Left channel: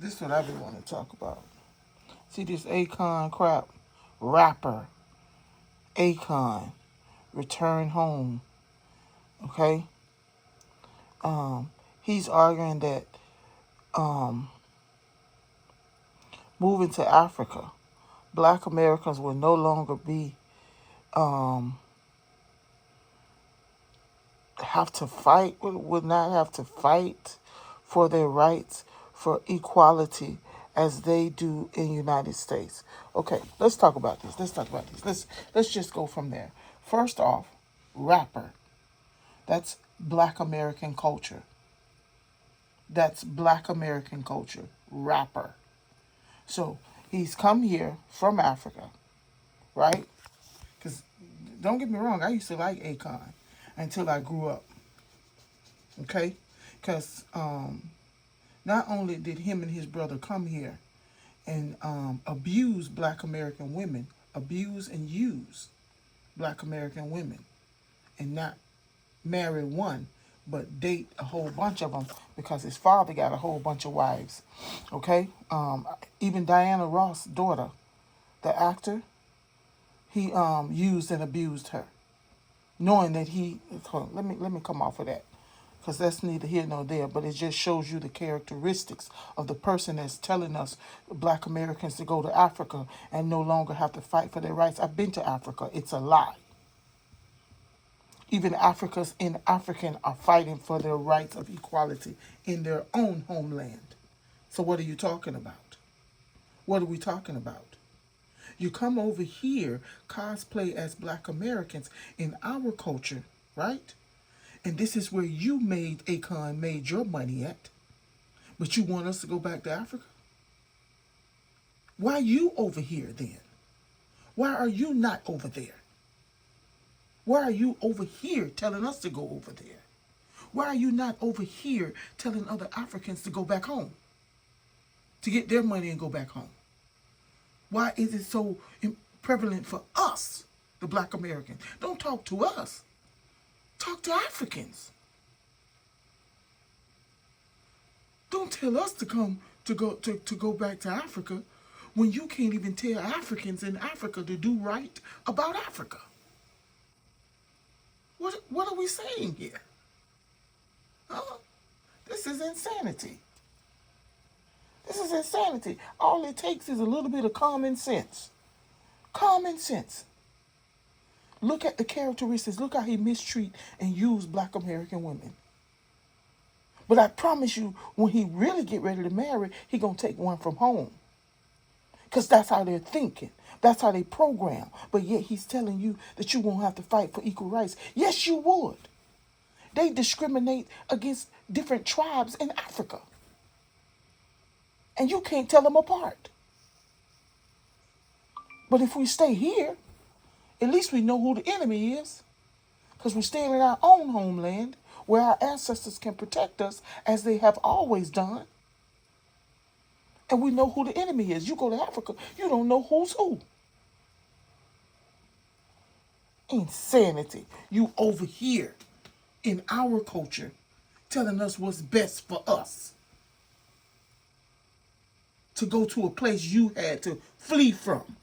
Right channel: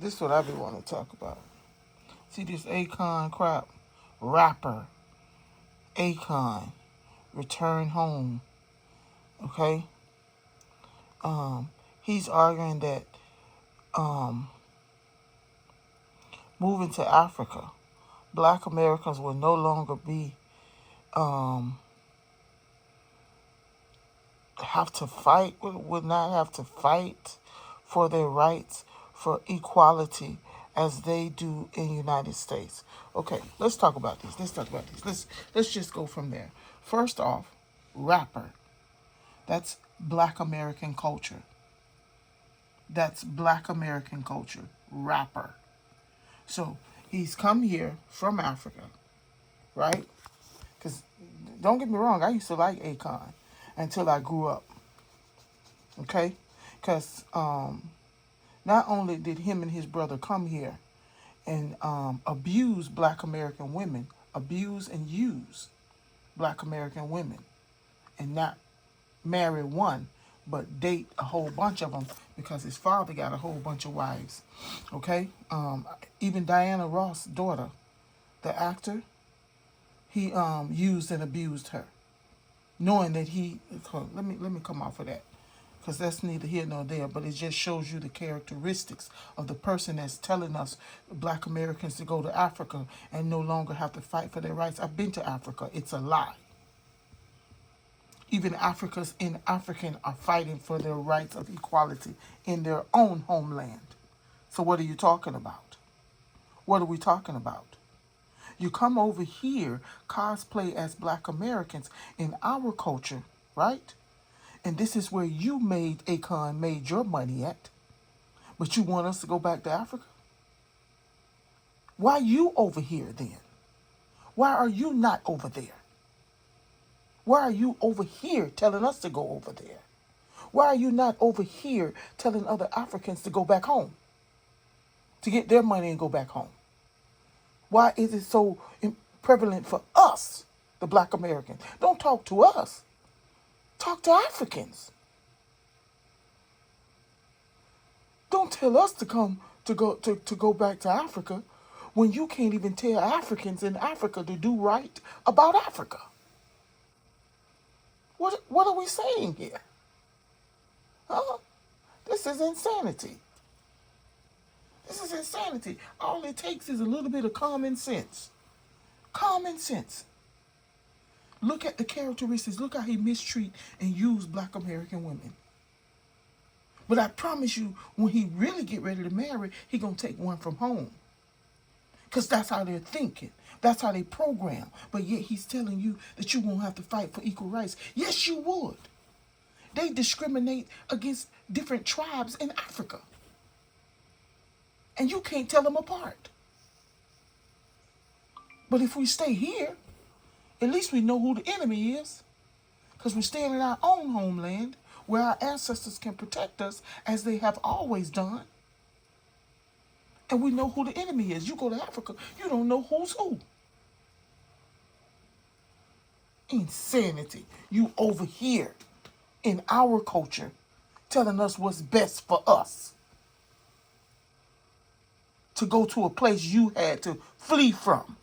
This is what I be wanting to talk about. See this Akon crap? Rapper. Akon. Return home. Okay? He's arguing that moving to Africa, black Americans will no longer be have to fight, would not have to fight for their rights, for equality as they do in the United States. Okay, let's talk about this. Let's just go from there. First off, rapper. That's black American culture. That's black American culture. Rapper. So he's come here from Africa, right? Because don't get me wrong, I used to like Akon until I grew up. Okay? Because not only did him and his brother come here and abuse black American women, abuse and use black American women, and not marry one, but date a whole bunch of them because his father got a whole bunch of wives. Okay? Even Diana Ross' daughter, the actor, he used and abused her, knowing that let me come off of that, because that's neither here nor there, but it just shows you the characteristics of the person that's telling us black Americans to go to Africa and no longer have to fight for their rights. I've been to Africa. It's a lie. Even Africans in African are fighting for their rights of equality in their own homeland. So what are you talking about? What are we talking about? You come over here, cosplay as black Americans in our culture, right? And this is where Akon made your money at. But you want us to go back to Africa? Why are you over here then? Why are you not over there? Why are you over here telling us to go over there? Why are you not over here telling other Africans to go back home? To get their money and go back home? Why is it so prevalent for us, the black Americans? Don't talk to us. Talk to Africans. Don't tell us to go back to Africa when you can't even tell Africans in Africa to do right about Africa. What are we saying here? Huh? This is insanity. This is insanity. All it takes is a little bit of common sense. Common sense. Look at the characteristics. Look how he mistreat and use black American women. But I promise you, when he really get ready to marry, he gonna take one from home. Because that's how they're thinking. That's how they program. But yet he's telling you that you won't have to fight for equal rights. Yes, you would. They discriminate against different tribes in Africa. And you can't tell them apart. But if we stay here, at least we know who the enemy is. Because we're staying in our own homeland where our ancestors can protect us as they have always done. And we know who the enemy is. You go to Africa, you don't know who's who. Insanity. You over here in our culture telling us what's best for us. To go to a place you had to flee from.